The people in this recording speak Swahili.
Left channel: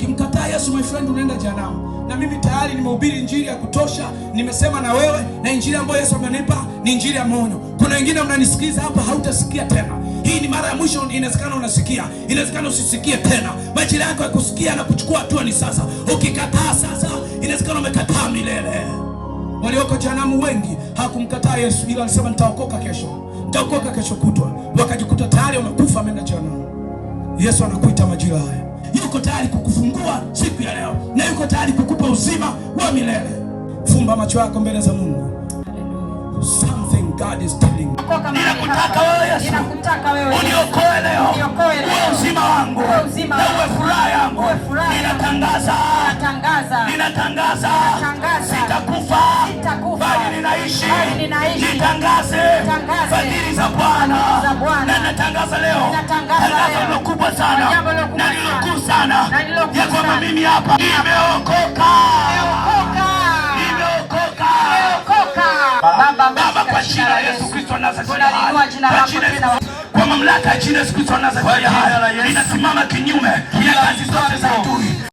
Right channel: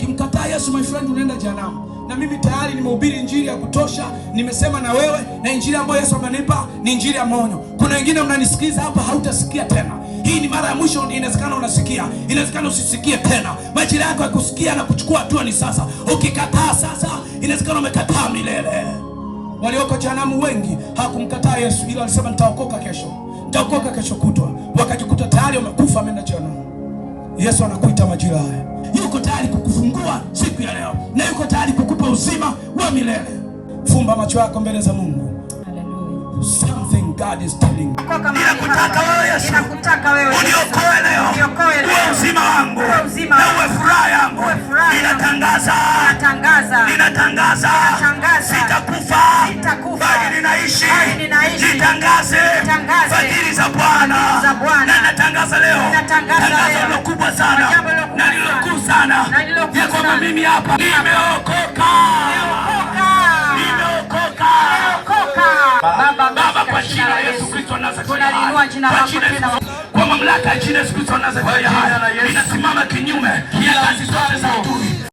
Ukimkataa Yesu, my friend, unaenda jehanamu. Na mimi tayari nimehubiri injili ya kutosha, nimesema na wewe, na injili ambayo Yesu amenipa ni injili ya maonyo. Kuna wengine mnanisikiliza hapa, hautasikia tena. Hii ni mara ya mwisho. Inawezekana unasikia, inawezekana usisikie tena. Majira yako ya kusikia na kuchukua hatua ni sasa. Ukikataa sasa, inawezekana umekataa milele. Walioko jehanamu wengi hawakumkataa Yesu, ila walisema nitaokoka kesho, nitaokoka kesho kutwa, wakajikuta tayari wamekufa, wameenda jehanamu. Yesu anakuita majira haya. Yuko tayari kukufungua siku ya leo, na yuko tayari kukupa uzima wa milele. Fumba macho yako mbele za Mungu. Hallelujah. Something God is telling you. Ninakutaka wewe Yesu, uniokoe leo, uwe uzima wangu na uwe furaha yangu. Ninatangaza, sitakufa bali ninaishi. Nitangaze fadhili za Bwana, na natangaza leo tangazo kubwa sana na lilokuu sana ya kwamba mimi hapa nimeokoka. Baba, kwa jina la Yesu Kristo wa Nazareti, kwa mamlaka ya jina la Yesu Kristo wa Nazareti, ninasimama kinyume na kazi zote za adui.